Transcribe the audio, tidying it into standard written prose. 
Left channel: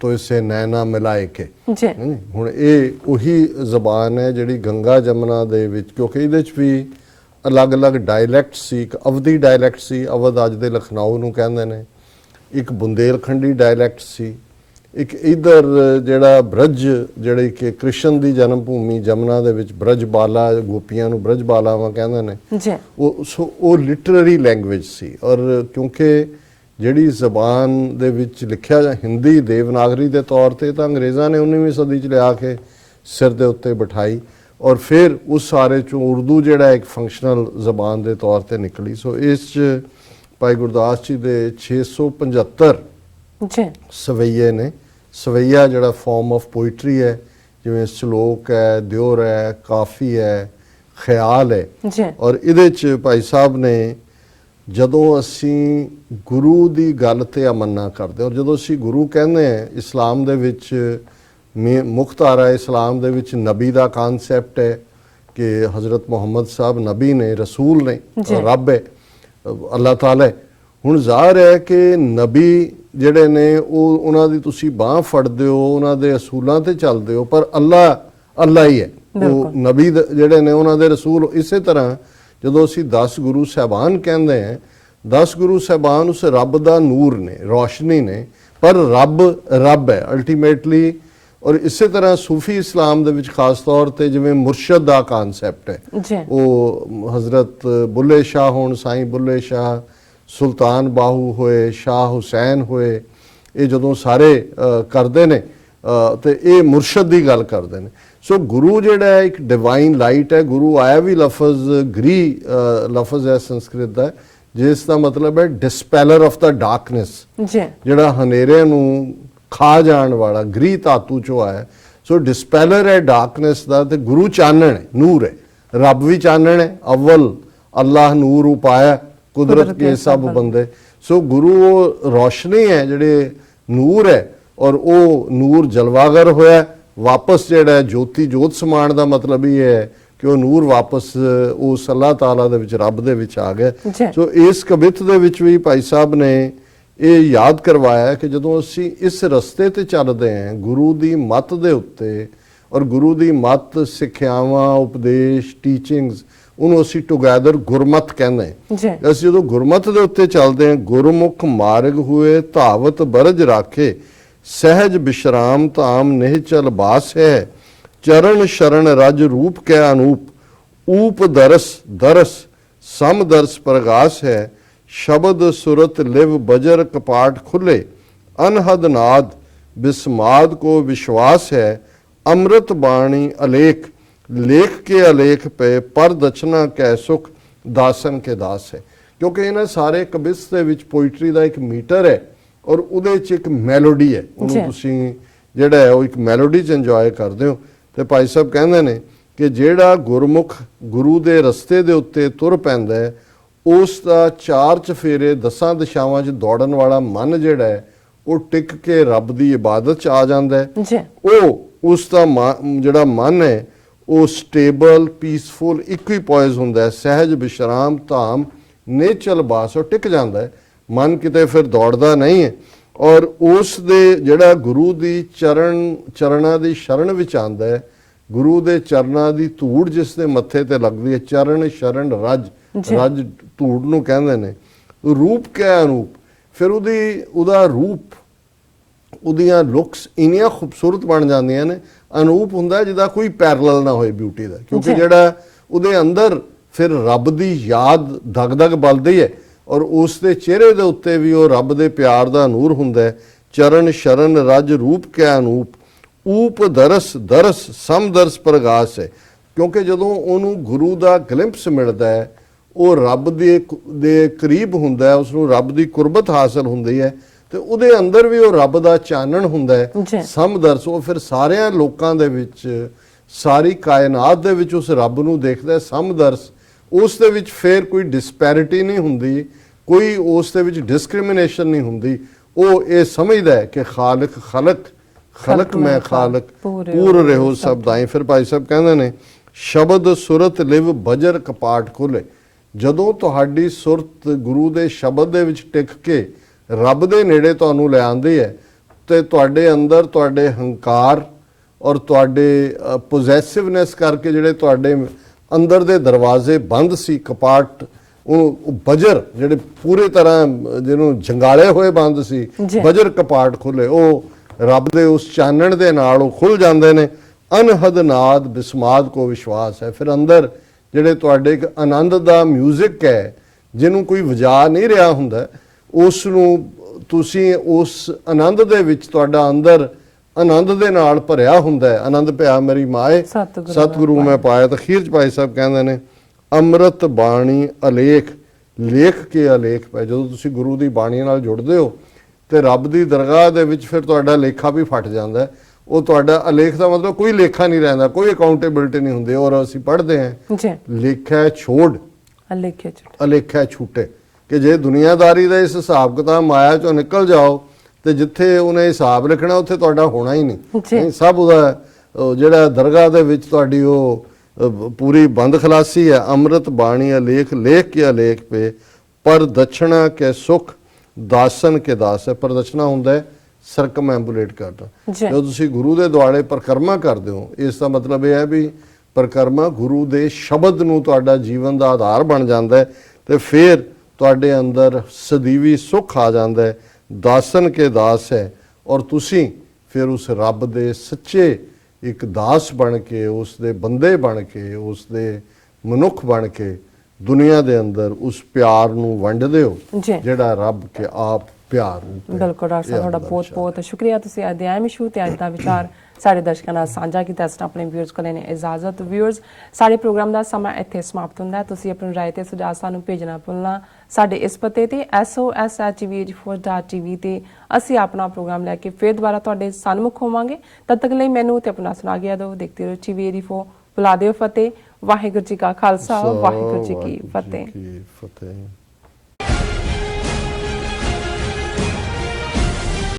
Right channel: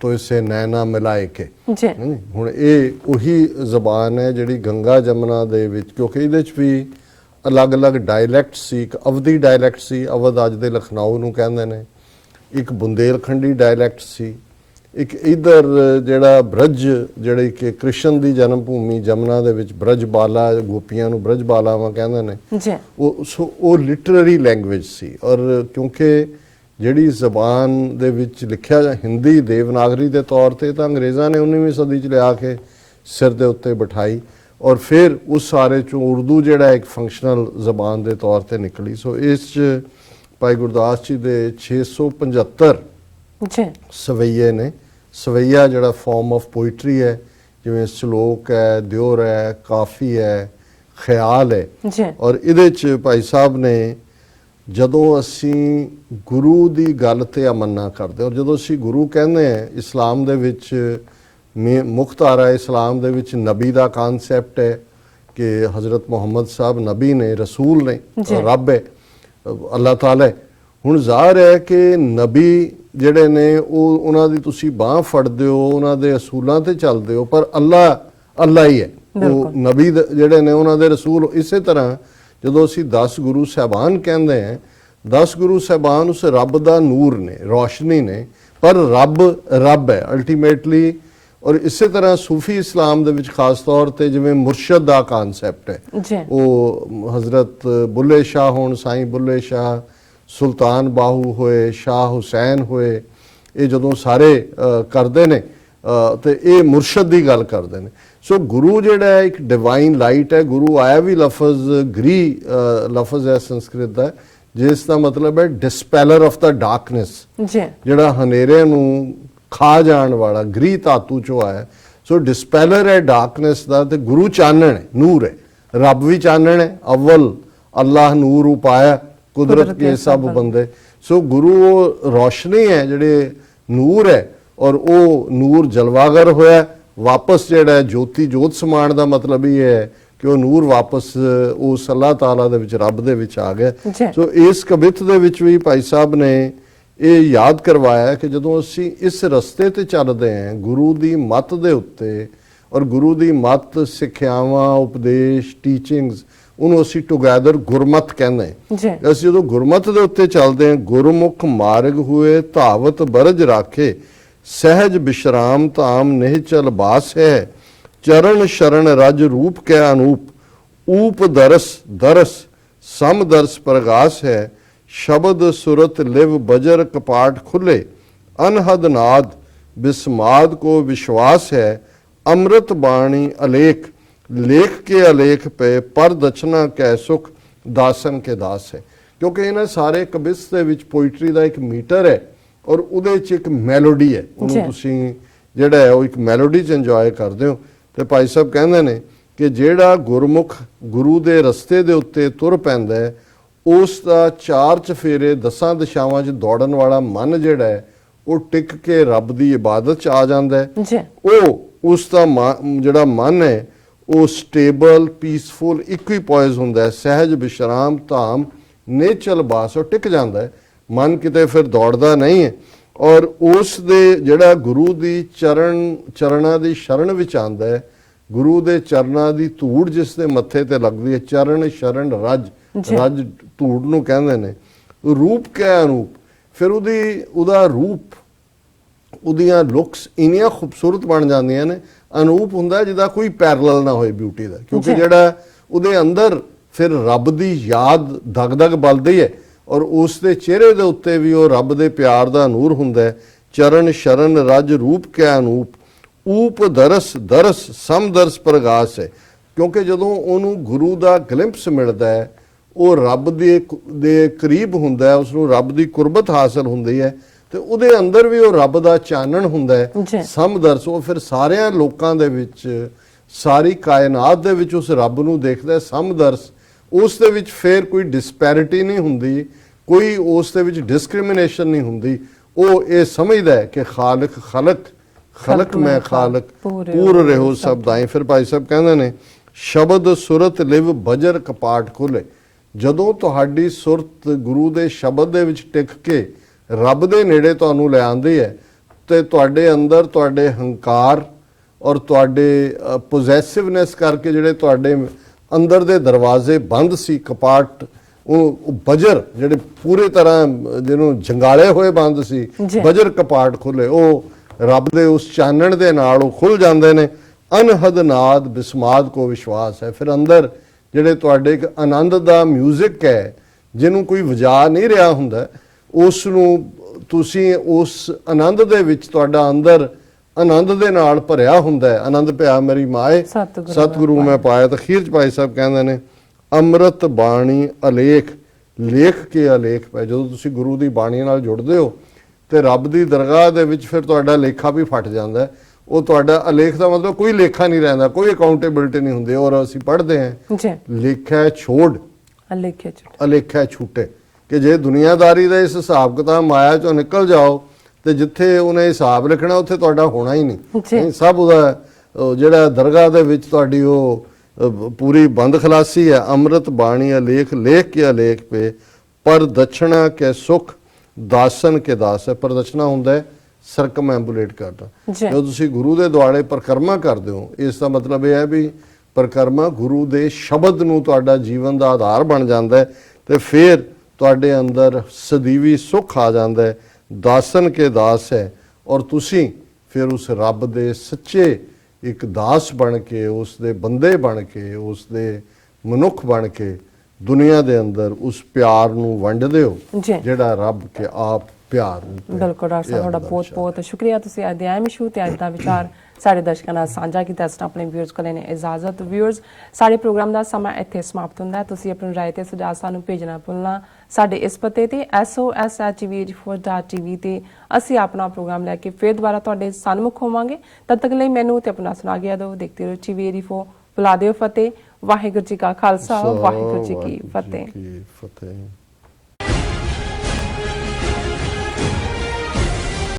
ਤੋਇਸੇ ਨੈਣਾ ਮਿਲਾਏ ਕੇ ਹੁਣ ਇਹ ਉਹੀ ਜ਼ਬਾਨ ਹੈ ਜਿਹੜੀ ਗੰਗਾ ਜਮਨਾ ਦੇ ਵਿੱਚ, ਕਿਉਂਕਿ ਇਹਦੇ 'ਚ ਵੀ ਅਲੱਗ-ਅਲੱਗ ਡਾਇਲੈਕਟ ਸੀ। ਇੱਕ ਅਵਧੀ ਡਾਇਲੈਕਟ ਸੀ, ਅਵਧ ਅੱਜ ਦੇ ਲਖਨਊ ਨੂੰ ਕਹਿੰਦੇ ਨੇ। ਇੱਕ ਬੁੰਦੇਲਖੰਡੀ ਡਾਇਲੈਕਟ ਸੀ। ਇੱਕ ਇਧਰ ਜਿਹੜਾ ਬ੍ਰਜ, ਜਿਹੜੇ ਕਿ ਕ੍ਰਿਸ਼ਨ ਦੀ ਜਨਮ ਭੂਮੀ ਜਮਨਾ ਦੇ ਵਿੱਚ ਬ੍ਰਜ ਬਾਲਾ, ਗੋਪੀਆਂ ਨੂੰ ਬ੍ਰਜ ਬਾਲਾਵਾਂ ਕਹਿੰਦੇ ਨੇ, ਉਹ ਲਿਟਰਰੀ ਲੈਂਗੁਏਜ ਸੀ। ਔਰ ਕਿਉਂਕਿ ਜਿਹੜੀ ਜ਼ਬਾਨ ਦੇ ਵਿੱਚ ਲਿਖਿਆ ਹਿੰਦੀ ਦੇਵਨਾਗਰੀ ਦੇ ਤੌਰ ਤੇ, ਤਾਂ ਅੰਗਰੇਜ਼ਾਂ ਨੇ 19ਵੀਂ ਸਦੀ 'ਚ ਲਿਆ ਕੇ ਸਿਰ ਦੇ ਉੱਤੇ ਬਿਠਾਈ ਔਰ ਫਿਰ ਉਸ ਸਾਰੇ 'ਚੋਂ ਉਰਦੂ ਜਿਹੜਾ ਇੱਕ ਫੰਕਸ਼ਨਲ ਜ਼ਬਾਨ ਦੇ ਤੌਰ ਤੇ ਨਿਕਲੀ। ਸੋ ਇਸ 'ਚ ਭਾਈ ਗੁਰਦਾਸ ਜੀ ਦੇ 675 ਸਵਈਏ ਨੇ। ਸਵਈਆ ਜਿਹੜਾ ਫਾਰਮ ਆਫ ਪੋਇਟਰੀ ਹੈ, ਜਿਵੇਂ ਸ਼ਲੋਕ ਹੈ, ਦਿਓਰ ਹੈ, ਕਾਫੀ ਹੈ, ਖਿਆਲ ਹੈ। ਔਰ ਇਹਦੇ 'ਚ ਭਾਈ ਸਾਹਿਬ ਨੇ ਜਦੋਂ ਅਸੀਂ ਗੁਰੂ ਦੀ ਗੱਲ ਤੇ ਅਮੰਨਾ ਕਰਦੇ, ਔਰ ਜਦੋਂ ਅਸੀਂ ਗੁਰੂ ਕਹਿੰਦੇ ਹਾਂ, ਇਸਲਾਮ ਦੇ ਵਿੱਚ ਮੁਖਤਾਰਾ ਇਸਲਾਮ ਦੇ ਵਿੱਚ ਨਬੀ ਦਾ ਕਨਸੈਪਟ ਹੈ ਕਿ ਹਜ਼ਰਤ ਮੁਹੰਮਦ ਸਾਹਿਬ ਨਬੀ ਨੇ, ਰਸੂਲ ਨੇ, ਰੱਬ ਹੈ, ਅੱਲਾਹ ਤਾਲਾ ਹੈ। ਹੁਣ ਜ਼ਾਹਰ ਹੈ ਕਿ ਨਬੀ ਜਿਹੜੇ ਨੇ ਉਹ ਉਹਨਾਂ ਦੀ ਤੁਸੀਂ ਬਾਂਹ ਫੜਦੇ ਹੋ, ਉਹਨਾਂ ਦੇ ਅਸੂਲਾਂ ਤੇ ਚੱਲਦੇ ਹੋ, ਪਰ ਅੱਲਾ ਹੀ ਹੈ। ਉਹ ਨਬੀ ਜਿਹੜੇ ਨੇ ਉਹਨਾਂ ਦੇ ਰਸੂਲ। ਇਸੇ ਤਰ੍ਹਾਂ ਜਦੋਂ ਅਸੀਂ 10 ਗੁਰੂ ਸਾਹਿਬਾਨ ਕਹਿੰਦੇ ਹਾਂ, 10 ਗੁਰੂ ਸਾਹਿਬਾਨ ਉਸ ਰੱਬ ਦਾ ਨੂਰ ਨੇ, ਰੋਸ਼ਨੀ ਨੇ, ਪਰ ਰੱਬ ਹੈ ਅਲਟੀਮੇਟਲੀ। ਔਰ ਇਸੇ ਤਰ੍ਹਾਂ ਸੂਫੀ ਇਸਲਾਮ ਦੇ ਵਿੱਚ ਖਾਸ ਤੌਰ ਤੇ ਜਿਵੇਂ ਮੁਰਸ਼ਦ ਦਾ ਕਨਸੈਪਟ ਹੈ, ਉਹ ਹਜ਼ਰਤ ਬੁੱਲੇ ਸ਼ਾਹ ਹੋਣ, ਸਾਈਂ ਬੁੱਲੇ ਸ਼ਾਹ, ਸੁਲਤਾਨ ਬਾਹੂ ਹੋਏ, ਸ਼ਾਹ ਹੁਸੈਨ ਹੋਏ, ਇਹ ਜਦੋਂ ਸਾਰੇ ਕਰਦੇ ਨੇ ਤੇ ਇਹ ਮੁਰਸ਼ਦ ਦੀ ਗੱਲ ਕਰਦੇ ਨੇ। ਸੋ ਗੁਰੂ ਜਿਹੜਾ ਇੱਕ ਡਿਵਾਈਨ ਲਾਈਟ ਹੈ। ਗੁਰੂ ਆਇਆ ਵੀ ਲਫ਼ਜ਼ ਗ੍ਰੀ ਲਫ਼ਜ਼ ਹੈ ਸੰਸਕ੍ਰਿਤ ਦਾ, ਜਿਸ ਦਾ ਮਤਲਬ ਹੈ ਡਿਸਪੈਲਰ ਆਫ ਦਾ ਡਾਰਕਨੈਸ, ਜਿਹੜਾ ਹਨੇਰੇ ਨੂੰ ਖਾ ਜਾਣ ਵਾਲਾ, ਗ੍ਰੀ ਧਾਤੂ ਚੋਂ ਆਇਆ। ਸੋ ਡਿਸਪੈਲਰ ਹੈ ਡਾਰਕਨੈਸ ਦਾ, ਤੇ ਗੁਰੂ ਚਾਨਣ ਹੈ, ਨੂਰ ਹੈ। ਰੱਬ ਵੀ ਚਾਨਣ ਹੈ, ਅਵਲ ਅੱਲਾਹ ਨੂਰ ਉਪਾਇਆ ਕੁਦਰਤ ਕੇ ਸਭ ਬੰਦੇ। ਸੋ ਗੁਰੂ ਉਹ ਰੋਸ਼ਨੀ ਹੈ, ਜਿਹੜੇ ਨੂਰ ਹੈ, ਔਰ ਉਹ ਨੂਰ ਜਲਵਾਗਰ ਹੋਇਆ ਵਾਪਸ, ਜਿਹੜਾ ਜੋਤੀ ਜੋਤ ਸਮਾਨ ਦਾ ਮਤਲਬ ਇਹ ਹੈ ਕਿ ਉਹ ਨੂਰ ਵਾਪਸ ਉਸ ਅੱਲਾਹ ਤਾਲਾ ਦੇ ਵਿੱਚ, ਰੱਬ ਦੇ ਵਿੱਚ ਆ ਗਿਆ। ਸੋ ਇਸ ਕਵਿਤ ਦੇ ਵਿੱਚ ਵੀ ਭਾਈ ਸਾਹਿਬ ਨੇ ਇਹ ਯਾਦ ਕਰਵਾਇਆ ਕਿ ਜਦੋਂ ਅਸੀਂ ਇਸ ਰਸਤੇ ਤੇ ਚੱਲਦੇ ਹਾਂ ਗੁਰੂ ਦੀ ਮੱਤ ਦੇ ਉੱਤੇ, ਔਰ ਗੁਰੂ ਦੀ ਮੱਤ, ਸਿੱਖਿਆਵਾਂ, ਉਪਦੇਸ਼, ਟੀਚਿੰਗਸ, ਉਹਨੂੰ ਅਸੀਂ ਟੁਗੈਦਰ ਗੁਰਮਤ ਕਹਿੰਦੇ ਹਾਂ। ਅਸੀਂ ਜਦੋਂ ਗੁਰਮਤ ਦੇ ਉੱਤੇ ਚੱਲਦੇ ਹਾਂ, ਗੁਰਮੁਖ ਮਾਰਗ ਹੋਏ ਧਾਵਤ ਬਰਜ ਰਾਖੇ, ਸਹਿਜ ਵਿਸ਼ਰਾਮ ਧਾਮ ਨਿਹਚਲ ਬਾਸ ਹੈ, ਚਰਨ ਸ਼ਰਨ ਰਜ ਰੂਪ ਕੈ ਅਨੂਪ, ਊਪ ਦਰਸ ਸਮ ਦਰਸ ਪ੍ਰਗਾਸ ਹੈ, ਸ਼ਬਦ ਸੁਰਤ ਲਿਵ ਬਜਰ ਕਪਾਟ ਖੁੱਲੇ, ਅਨਹਦ ਨਾਦ ਬਿਸਮਾਦ ਕੋ ਵਿਸ਼ਵਾਸ ਹੈ, ਅੰਮ੍ਰਿਤ ਬਾਣੀ ਅਲੇਖ ਲੇਖ ਕੇ ਅਲੇਖ ਪਏ, ਪਰ ਦਛਨਾ ਕੈ ਸੁਖ ਦਾਸਨ ਕੇ ਦਾਸ ਹੈ। ਕਿਉਂਕਿ ਇਹਨਾਂ ਸਾਰੇ ਕਵਿਸ ਦੇ ਵਿੱਚ ਪੋਇਟਰੀ ਦਾ ਇੱਕ ਮੀਟਰ ਹੈ, ਔਰ ਉਹਦੇ 'ਚ ਇੱਕ ਮੈਲੋਡੀ ਹੈ। ਉਹਨੂੰ ਤੁਸੀਂ ਜਿਹੜਾ ਹੈ ਉਹ ਇੱਕ ਮੈਲੋਡੀ 'ਚ ਇੰਜੋਏ ਕਰਦੇ ਹੋ। ਤੇ ਭਾਈ ਸਾਹਿਬ ਕਹਿੰਦੇ ਨੇ ਕਿ ਜਿਹੜਾ ਗੁਰਮੁਖ ਗੁਰੂ ਦੇ ਰਸਤੇ ਦੇ ਉੱਤੇ ਤੁਰ ਪੈਂਦਾ ਹੈ, ਉਸ ਦਾ 4 ਚਫੇਰੇ 10 ਦਿਸ਼ਾਵਾਂ 'ਚ ਦੌੜਨ ਵਾਲਾ ਮਨ ਜਿਹੜਾ ਹੈ ਉਹ ਟਿਕ ਕੇ ਰੱਬ ਦੀ ਇਬਾਦਤ 'ਚ ਆ ਜਾਂਦਾ ਹੈ। ਉਹ ਉਸ ਦਾ ਜਿਹੜਾ ਮਨ ਹੈ ਉਹ ਸਟੇਬਲ, ਪੀਸਫੁਲ, ਇਕੁਇਪੋਇਜ਼ ਹੁੰਦਾ ਹੈ, ਸਹਿਜ ਵਿਸ਼ਰਾਮ ਧਾਮ ਨੇਚਲ ਬਾਸ, ਉਹ ਟਿਕ ਜਾਂਦਾ ਹੈ, ਮਨ ਕਿਤੇ ਫਿਰ ਦੌੜਦਾ ਨਹੀਂ ਹੈ। ਔਰ ਉਸ ਦੇ ਜਿਹੜਾ ਗੁਰੂ ਦੀ ਚਰਨਾਂ ਦੀ ਸ਼ਰਨ ਵਿੱਚ ਆਉਂਦਾ ਹੈ, ਗੁਰੂ ਦੇ ਚਰਨਾਂ ਦੀ ਧੂੜ ਜਿਸ ਦੇ ਮੱਥੇ ਤੇ ਲੱਗਦੀ ਹੈ, ਚਰਨ ਸ਼ਰਨ ਰਜ ਧੂੜ ਨੂੰ ਕਹਿੰਦੇ ਨੇ। ਰੂਪ ਕੈ ਅਨੂਪ, ਫਿਰ ਉਹਦਾ ਰੂਪ, ਉਹਦੀਆਂ ਲੁਕਸ ਇੰਨੀਆਂ ਖੂਬਸੂਰਤ ਬਣ ਜਾਂਦੀਆਂ ਨੇ। ਅਨੂਪ ਹੁੰਦਾ ਜਿਹਦਾ ਕੋਈ ਪੈਰਲਲ ਨਾ ਹੋਏ ਬਿਊਟੀ ਦਾ, ਕਿਉਂਕਿ ਜਿਹੜਾ ਉਹਦੇ ਅੰਦਰ ਫਿਰ ਰੱਬ ਦੀ ਯਾਦ ਦਗ-ਦਗ ਬਲਦੀ ਹੈ, ਔਰ ਉਸ ਦੇ ਚਿਹਰੇ ਦੇ ਉੱਤੇ ਵੀ ਉਹ ਰੱਬ ਦੇ ਪਿਆਰ ਦਾ ਨੂਰ ਹੁੰਦਾ ਹੈ। ਚਰਨ ਸ਼ਰਨ ਰਜ ਰੂਪ ਕੈ ਅਨੂਪ, ਊਪ ਦਰਸ ਸਮ ਦਰਸ ਪ੍ਰਗਾਸ ਹੈ। ਕਿਉਂਕਿ ਜਦੋਂ ਉਹਨੂੰ ਗੁਰੂ ਦਾ ਗਲਿੰਪਸ ਮਿਲਦਾ ਹੈ, ਉਹ ਰੱਬ ਦੇ ਕਰੀਬ ਹੁੰਦਾ ਹੈ, ਉਸਨੂੰ ਰੱਬ ਦੀ ਕੁਰਬਤ ਹਾਸਲ ਹੁੰਦੀ ਹੈ, ਤੇ ਉਹਦੇ ਅੰਦਰ ਵੀ ਉਹ ਰੱਬ ਦਾ ਚਾਨਣ ਹੁੰਦਾ ਹੈ। ਸਮਦਰਸ, ਉਹ ਫਿਰ ਸਾਰਿਆਂ ਲੋਕਾਂ ਦੇ ਵਿੱਚ, ਸਾਰੀ ਕਾਇਨਾਤ ਦੇ ਵਿੱਚ ਉਸ ਰੱਬ ਨੂੰ ਦੇਖਦਾ ਹੈ। ਸਮਦਰਸ, ਉਸ ਦੇ ਵਿੱਚ ਫਿਰ ਕੋਈ ਡਿਸਪੈਰਿਟੀ ਨਹੀਂ ਹੁੰਦੀ, ਕੋਈ ਉਸ ਦੇ ਵਿੱਚ ਡਿਸਕ੍ਰਿਮੀਨੇਸ਼ਨ ਨਹੀਂ ਹੁੰਦੀ। ਉਹ ਇਹ ਸਮਝਦਾ ਹੈ ਕਿ ਖਾਲਕ ਖਲਕ ਮੈਂ ਖਾਲਕ ਪੂਰ ਰਹੋ ਸਭ ਦਾਈ। ਫਿਰ ਭਾਈ ਸਾਹਿਬ ਕਹਿੰਦੇ ਨੇ ਸ਼ਬਦ ਸੁਰਤ ਲਿਵ ਬਜਰ ਕਪਾਟ ਖੋਲੇ, ਜਦੋਂ ਤੁਹਾਡੀ ਸੁਰਤ ਗੁਰੂ ਦੇ ਸ਼ਬਦ ਦੇ ਵਿੱਚ ਟਿਕ ਕੇ ਰੱਬ ਦੇ ਨੇੜੇ ਤੁਹਾਨੂੰ ਲੈ ਆਉਂਦੀ ਹੈ, ਤੇ ਤੁਹਾਡੇ ਅੰਦਰ ਤੁਹਾਡੇ ਹੰਕਾਰ ਔਰ ਤੁਹਾਡੇ ਪੋਜੈਸਿਵਨੈਸ ਕਰਕੇ ਜਿਹੜੇ ਤੁਹਾਡੇ ਅੰਦਰ ਦੇ ਦਰਵਾਜ਼ੇ ਬੰਦ ਸੀ, ਕਪਾਟ, ਉਹ ਬਜਰ ਜਿਹੜੇ ਪੂਰੇ ਤਰ੍ਹਾਂ ਜਿਹਨੂੰ ਜੰਗਾਲੇ ਹੋਏ ਬੰਦ ਸੀ, ਬਜਰ ਕਪਾਟ ਖੁੱਲੇ, ਉਹ ਰੱਬ ਦੇ ਉਸ ਚਾਨਣ ਦੇ ਨਾਲ ਉਹ ਖੁੱਲ ਜਾਂਦੇ ਨੇ। ਅਨਹਦ ਨਾਦ ਬਿਸਮਾਦ ਕੋ ਵਿਸ਼ਵਾਸ ਹੈ। ਫਿਰ ਅੰਦਰ ਜਿਹੜੇ ਤੁਹਾਡੇ ਇੱਕ ਆਨੰਦ ਦਾ ਮਿਊਜ਼ਿਕ ਹੈ ਜਿਹਨੂੰ ਕੋਈ ਵਜਾ ਨਹੀਂ ਰਿਹਾ ਹੁੰਦਾ, ਉਸ ਨੂੰ ਤੁਸੀਂ ਉਸ ਆਨੰਦ ਦੇ ਵਿੱਚ ਤੁਹਾਡਾ ਅੰਦਰ ਆਨੰਦ ਦੇ ਨਾਲ ਭਰਿਆ ਹੁੰਦਾ ਹੈ। ਆਨੰਦ ਭਿਆ ਮੇਰੀ ਮਾਏ ਸਤਿਗੁਰੂ ਮੈਂ ਪਾਇਆ। ਤਾਂ ਅਖੀਰ ਚ ਭਾਈ ਸਾਹਿਬ ਕਹਿੰਦੇ ਨੇ ਅੰਮ੍ਰਿਤ ਬਾਣੀ ਅਲੇਖ ਲੇਖ ਕੇ ਅਲੇਖ ਪੈ। ਜਦੋਂ ਤੁਸੀਂ ਗੁਰੂ ਦੀ ਬਾਣੀ ਨਾਲ ਜੁੜਦੇ ਹੋ ਤੇ ਰੱਬ ਦੀ ਦਰਗਾਹ ਦੇ ਵਿੱਚ ਫਿਰ ਤੁਹਾਡਾ ਲੇਖਾ ਵੀ ਫਟ ਜਾਂਦਾ ਹੈ। ਉਹ ਤੁਹਾਡਾ ਅਲੇਖ ਦਾ ਮਤਲਬ ਕੋਈ ਲੇਖਾ ਨਹੀਂ ਰਹਿੰਦਾ, ਕੋਈ ਅਕਾਊਂਟੇਬਿਲਟੀ ਨਹੀਂ ਹੁੰਦੀ। ਔਰ ਅਸੀਂ ਪੜ੍ਹਦੇ ਹਾਂ ਲੇਖਾ ਛੋੜ ਅਲੇਖਾ ਛੂਟੇ, ਕਿ ਜੇ ਦੁਨੀਆਦਾਰੀ ਦਾ ਇਸ ਹਿਸਾਬ ਕਿਤਾਬ ਮਾਇਆ ਚੋਂ ਨਿਕਲ ਜਾਓ ਤੇ ਜਿੱਥੇ ਉਹਨੇ ਹਿਸਾਬ ਲਿਖਣਾ ਉੱਥੇ ਤੁਹਾਡਾ ਹੋਣਾ ਹੀ ਨਹੀਂ। ਸਭ ਉਹਦਾ ਜਿਹੜਾ ਦਰਗਾਹ ਦੇ ਵਿੱਚ ਤੁਹਾਡੀ ਉਹ ਪੂਰੀ ਬੰਦ ਖਲਾਸੀ ਹੈ। ਅੰਮ੍ਰਿਤ ਬਾਣੀ ਅਲੇਖ ਲੇਖ ਕੇ ਅਲੇਖ ਪੇ, ਪਰ ਦਛਣਾ ਕੇ ਸੁਖ ਦਾਸਨ ਕੇ ਦਾਸ ਹੈ। ਪਰ ਦਛਣਾ ਹੁੰਦਾ ਹੈ ਸਰਕਮਐਂਬੂਲੇਟ ਕਰਦਾ। ਜਦੋਂ ਤੁਸੀਂ ਗੁਰੂ ਦੇ ਦੁਆਲੇ ਪਰਿਕਰਮਾ ਕਰਦੇ ਹੋ, ਇਸ ਦਾ ਮਤਲਬ ਇਹ ਹੈ ਵੀ ਪਰਿਕਰਮਾ ਗੁਰੂ ਦੇ ਸ਼ਬਦ ਨੂੰ ਤੁਹਾਡਾ ਜੀਵਨ ਦਾ ਆਧਾਰ ਬਣ ਜਾਂਦਾ ਹੈ ਤੇ ਫਿਰ ਤੁਹਾਡੇ ਅੰਦਰ ਸਦੀਵੀ ਸੁੱਖ ਆ ਜਾਂਦਾ ਹੈ। ਦਾਸਨ ਕੇ ਦਾਸ ਹੈ ਔਰ ਤੁਸੀਂ ਫਿਰ ਉਸ ਰੱਬ ਦੇ ਸੱਚੇ ਇੱਕ ਦਾਸ ਬਣ ਕੇ, ਉਸ ਦੇ ਬੰਦੇ ਬਣ ਕੇ, ਉਸ ਦੇ ਮਨੁੱਖ ਬਣ ਕੇ ਦੁਨੀਆ ਦੇ ਅੰਦਰ ਉਸ ਪਿਆਰ ਨੂੰ ਵੰਡਦੇ ਹੋ ਜਿਹੜਾ ਰੱਬ ਕੇ ਆਪ ਪਿਆਰ ਨੂੰ। ਬਿਲਕੁਲ ਡਾਕਟਰ ਸਾਹਿਬ, ਤੁਹਾਡਾ ਬਹੁਤ ਬਹੁਤ ਸ਼ੁਕਰੀਆ। ਤੁਸੀਂ ਅੱਜ ਦੇ ਅਹਿਮ ਇਸ਼ੂ ਤੇ ਅੱਜ ਦਾ ਵਿਚਾਰ ਸਾਡੇ ਦਰਸ਼ਕਾਂ ਨਾਲ ਸਾਂਝਾ ਕੀਤਾ। ਅਸੀਂ ਆਪਣੇ ਵਿਊਅਰਸ ਕੋਲ ਨੇ ਇਜਾਜ਼ਤ। ਵਿਊਅਰਸ, ਸਾਡੇ ਪ੍ਰੋਗਰਾਮ ਦਾ ਸਮਾਂ ਇੱਥੇ ਸਮਾਪਤ ਹੁੰਦਾ ਹੈ। ਤੁਸੀਂ ਆਪਣੀ ਰਾਏ ਤੇ ਸੁਝਾਅ ਸਾਨੂੰ ਭੇਜਣਾ ਭੁੱਲਣਾ ਸਾਡੇ ਇਸ ਪਤੇ ਤੇ SOS@tv84.tv ਤੇ। ਅਸੀਂ ਆਪਣਾ ਪ੍ਰੋਗਰਾਮ ਲੈ ਕੇ ਫਿਰ ਦੁਬਾਰਾ ਤੁਹਾਡੇ ਸਨਮੁਖ ਹੋਵਾਂਗੇ। ਤਦ ਤੱਕ ਲਈ ਮੈਨੂੰ ਤੇ ਆਪਣਾ ਸੁਣਾ ਗਿਆ ਦਿਓ। ਦੇਖਦੇ ਰਹੋ TV84। ਬੁਲਾ ਦਿਓ ਫਤਿਹ। ਵਾਹਿਗੁਰੂ ਜੀ ਕਾ ਖਾਲਸਾ, ਵਾਹਿਗੁਰੂ ਜੀ ਕੀ ਫਤਿਹ।